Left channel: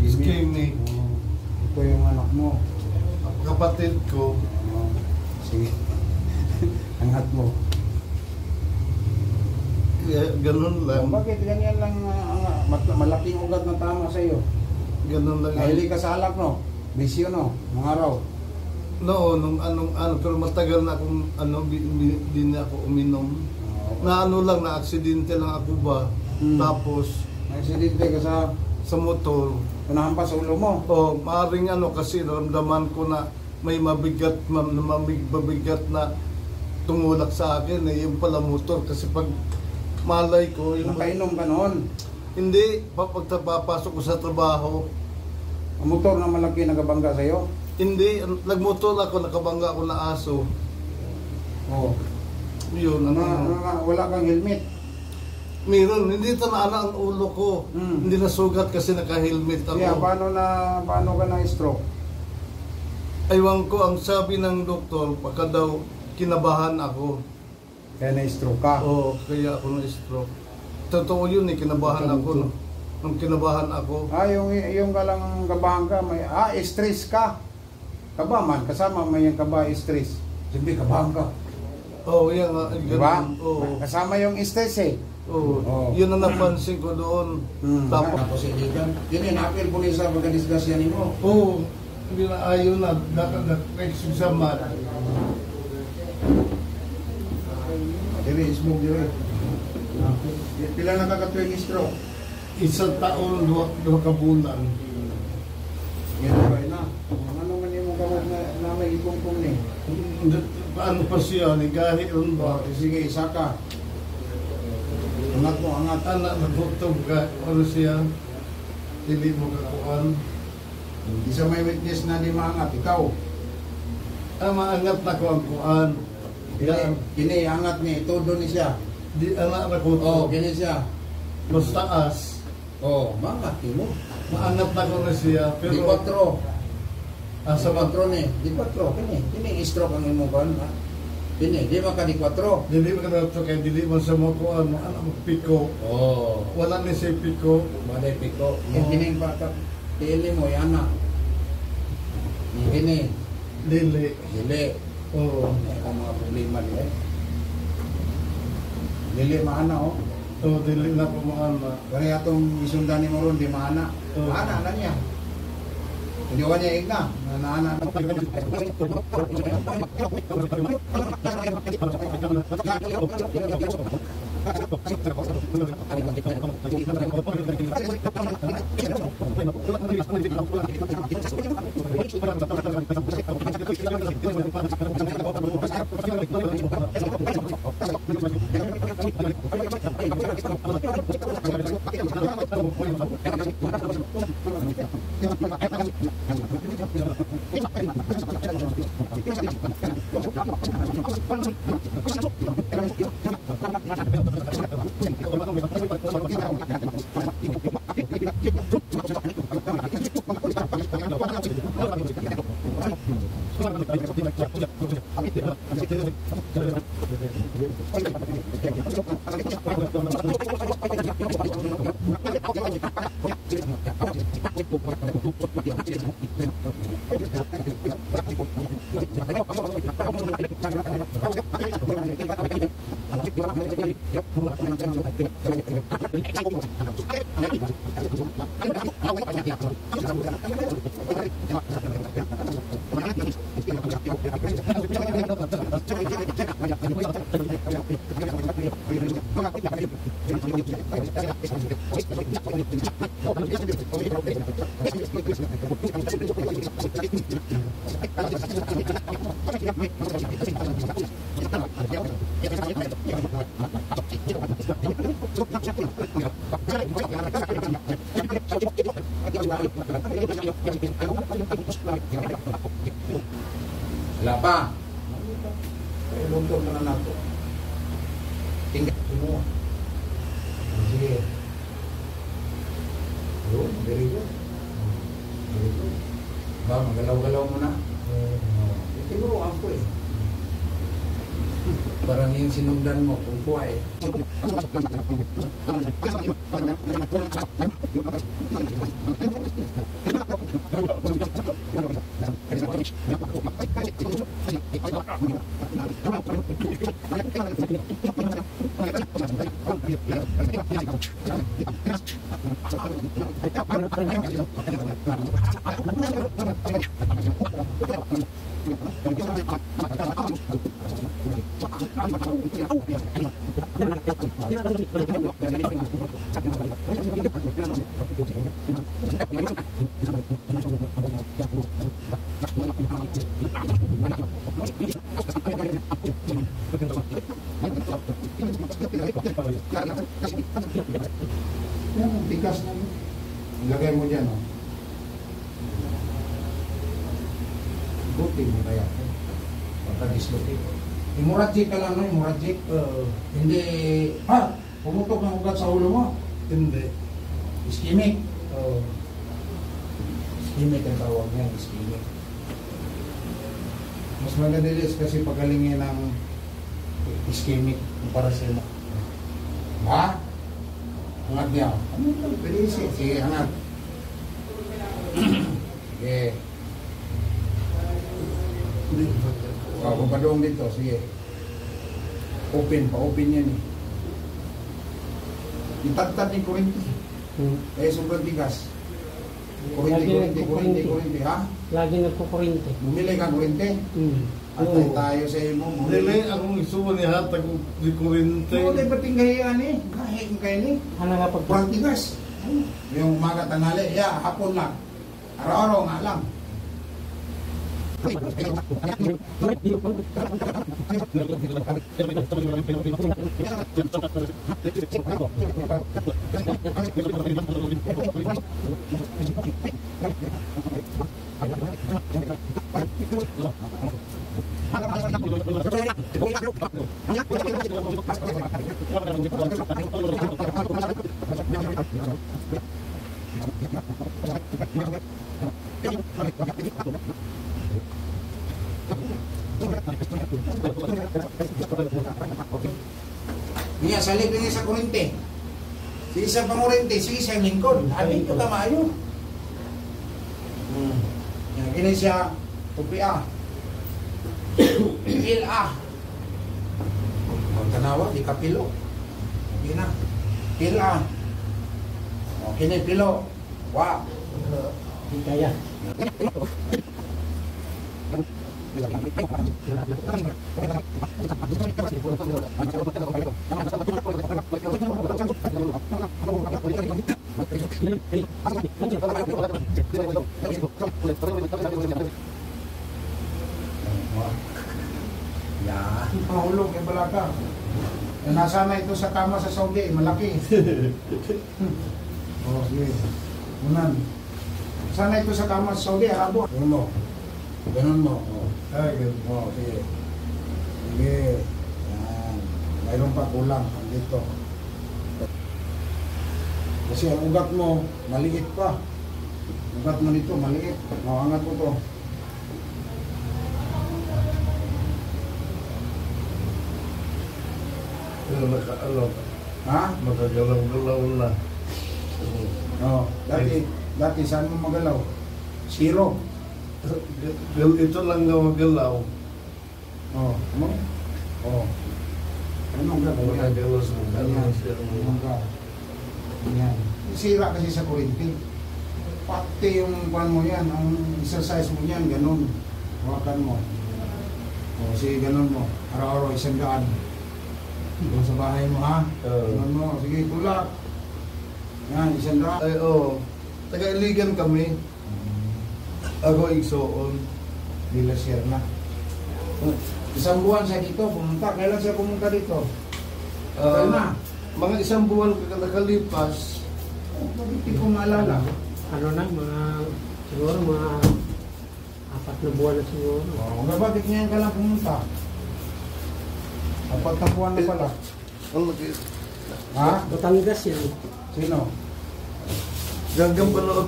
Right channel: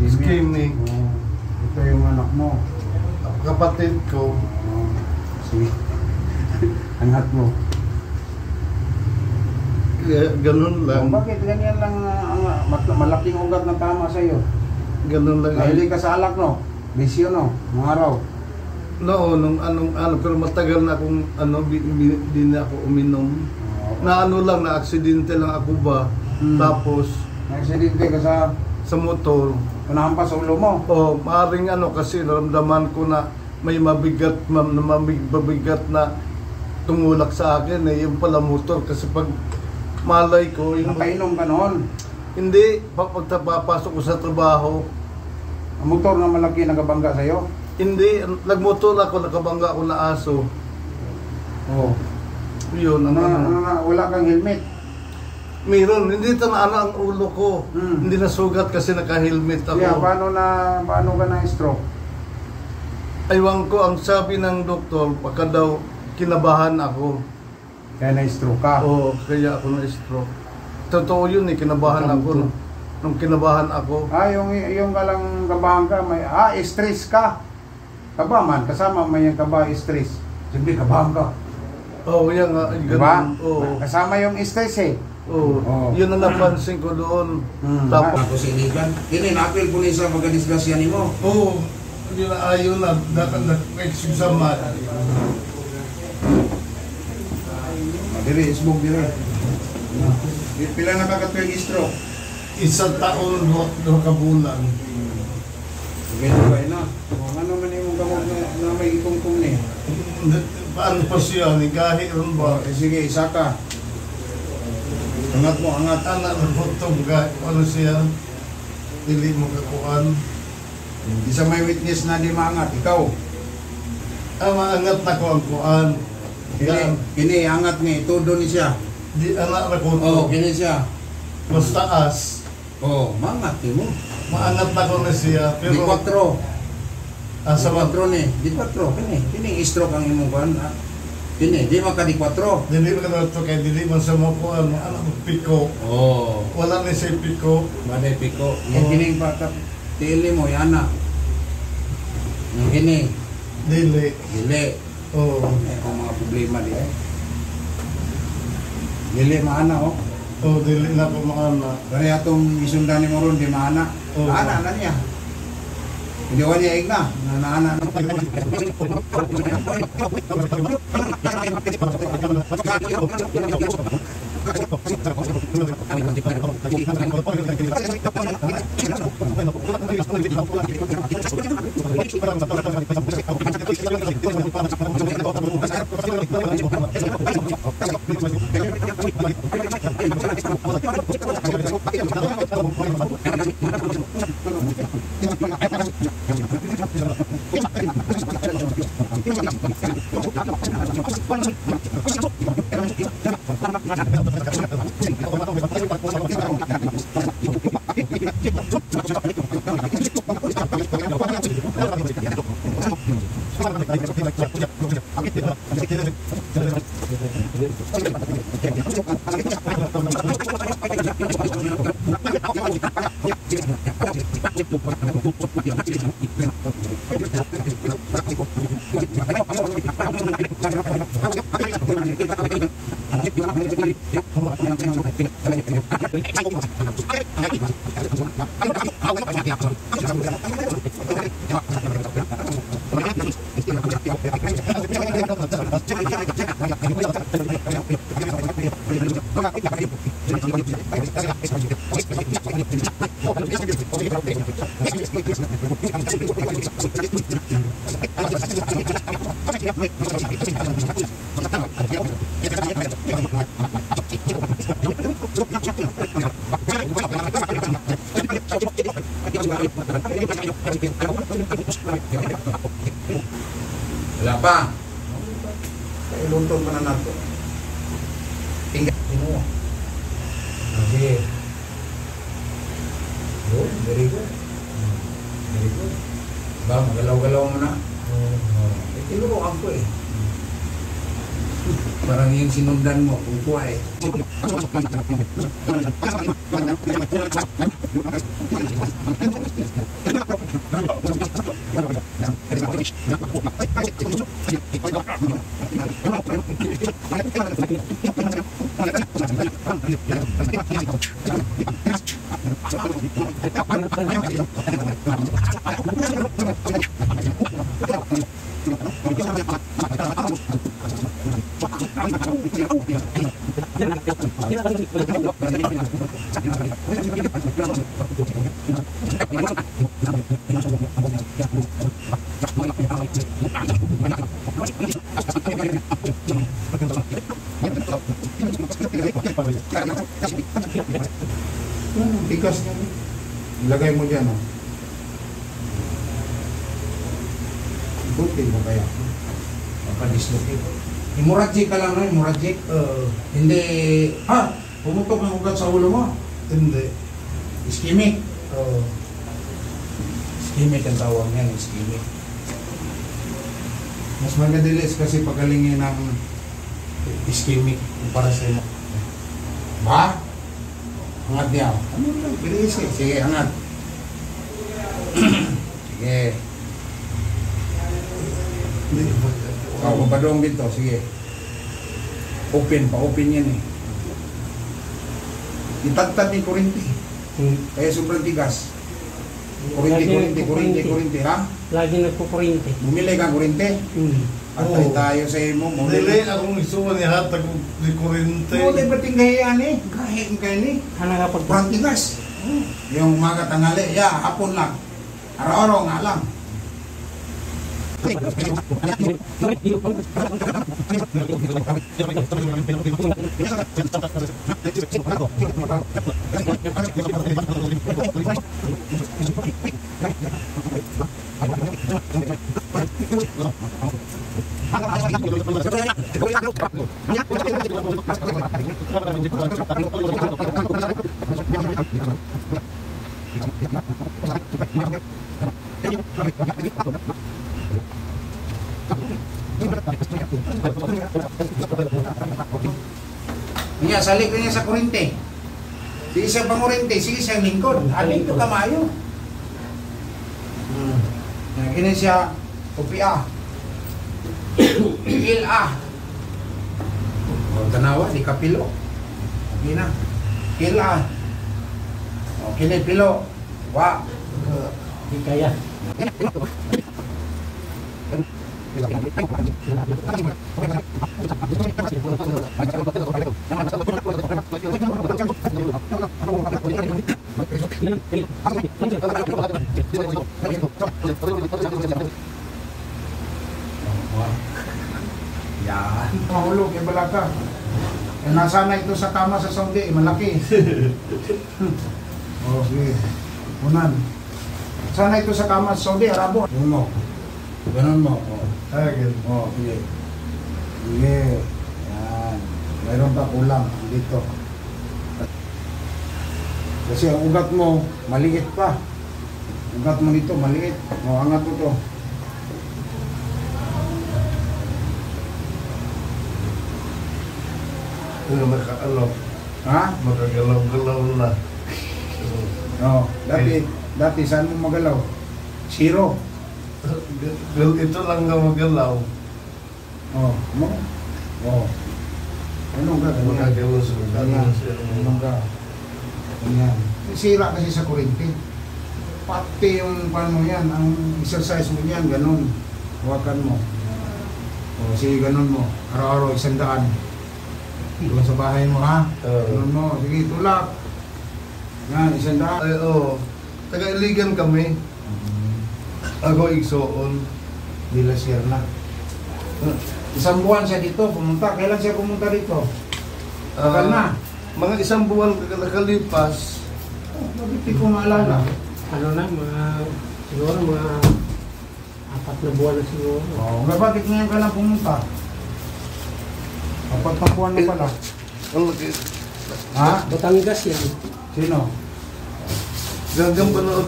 Ischemic. Ito yung anak mo. Kapatid ko. Sige. Angat mo. Ganun lang. Bakit ganyan lang malaking ugat na tama sa iyo? Ganun lang. Mahilig ka sa alak, no? Bisyo, no? Mga araw. Nung pero matagal na akong di na ako uminom. Na lang, na aksidente lang ako ba. Tapos na-aksidente ka sa motor. Panahampas sa ulo mo. Maaring kasi ramdaman ko na may mabigat na tumulak sa akin yung pala motor kasi pag malay ko yung painom ka noon. Hindi, pagpapasok ko sa trabaho. Ang motor na malaki nagabangga sa iyo? Hindi, nagmotor ako, nakabangga ako na aso. Yun, wala kang helmet? Meron, hindi tanaan ang ulo ko. Hindi nasugat kasi naka-helmet ako. Yeah, paano ka na-stroke? Aywan ko, ang sabi ng doktor, pagka daw kinabahan ako. Kaya na-stroke ka? Kaya ako na-stroke. Totoo yun kinabahan ako. Nung kinabahan ako. Yung kalang kabahan ka, stress ka. Kaba man, kasama may yung kaba, stress. Siyempre, kabahan ka. Yan nga. Diba? Kasama yung stress Yun ang napansin ko doon. Tapos iligan. Yun apil po sa pagkadisgrasya ni mo. Hindi na ayaw na. Nag-exig sa mat. Dire, isbog dire. Pila nakakatuwing stroke? Isang taon, 2 kabulan. Ganyan ba na? Ano man yung gamot na may ikungkong ni? Paano pa siya? Gahi ron ba? Sige, isa ka. Angat mo, angat. Anak na butong gahi. Ano siya? Dili mo kakuan. Isa may witness na di maangat. Ikaw? Maangat na ko ang kuan. Kini, angat ni. Todo ni siya. Di anak na ko. Kini siya. Mas taas. Maangat mo. Maangat na ko na siya. Pero Di 4. sa 4 ni. Di 4. Kini stroke ang imong kuan. Kini, di man ka di 4. Dili man ka to kay dili man sa mo kuan. Anak mo piko. Wala ni say piko. Wala piko. Yung kini pa tili mo yana. Yung kini. Dili. Ang mga problema di Dili maana dili na ko maana. Kani atong isundan ni mo ron di maana. Maana na niya. Hindi wa niya igna. Naana na. Wala pa. Kaya luntong pa na nato. Tingnan mo. Okay. Good, very good. Very good. Ba, magalaw-galaw mo na. Tinuruan ko eh. Parang yung sinundan mo, kung kuha eh. Tikas mo. Ilagay mo dyan, oh. Ikutin mo kaya. Papadislocate. Hemorrhagic ka lang, no? Hemorrhagic. Hindi, pumutok ng ugat sa ulo mo. Hindi. Ischemic. Ischemic ang tawag niyan, ischemic. Mas magadilis kasi pagalingin ng ischemic para sa mo. Ba? Angat niya. Ano lang? Bilis eh. Sige, angat. Sige. Papadong dito. Sige. Open. Pa-open yan eh. Itagtad ni kurente. Kaya sobrang tigas. Kurente. Ha? Lagi nagkukurente. Bumili ka kurente? Atay tayo sa imo. Dili akong isuon ni hatag di kurente. Oo, di ba tinggahian eh? Kahit kayo ni. Ano nga pag... Sobrang tigas. Yung umaga tanghali, hapon lang. Araw-araw nga lang. Niya, salik niya sa kurente. Sige sa pangurente, sige sa lingkod. Aling ito kamayo. Kini siya, upia. Ila. Huwag tanawa, di kapilo. Hindi na. Ila. O, kini pilo. Wa. Di kaya. Yan. Mahulog kay balaka. Eh, nasa na ito sa kama sa Saudi, malaki. Okay. Unan. Sana ito sa kama sa Saudi, Arabo. Uno. Ganun mo. Agad. Sige. Sige. Yan. Mayroon pa kulang dito. Kasi ang ugat mo, maliit pa. Ugat mo dito, maliit. Angat mo to. Ha? Makagalaw-galaw na. No. Dati saan mo magalaw? Zero. Ito lang na magalaw. Mo? Ano ka? Makagalaw sa Ano ka? Ayan. Sira kasi sa kurente. Pati yung paano yan, ang exercise mo yan, ganun. Hawakan mo. Sige, ganun mo. Araw-araw, 100. Doon sa bahay mo, ha? Ganun mo. Sige, tulak. Yan, 100. Ay, oo. Taga-iligan kami. Ako igsoon. Bila share na. Isang buwan siya dito, pumunta. Kailan siya pumunta dito? Tagal na. Mga isang buwan nakalipas. Bakit di ko maalala? Ano na, siguro mga 4 na buwan na siguro. Bakit ngayon ka lang pumunta? 4 na buwan na pala. Ang laki. Ha? Batangas yan. Sino? Gagang panood.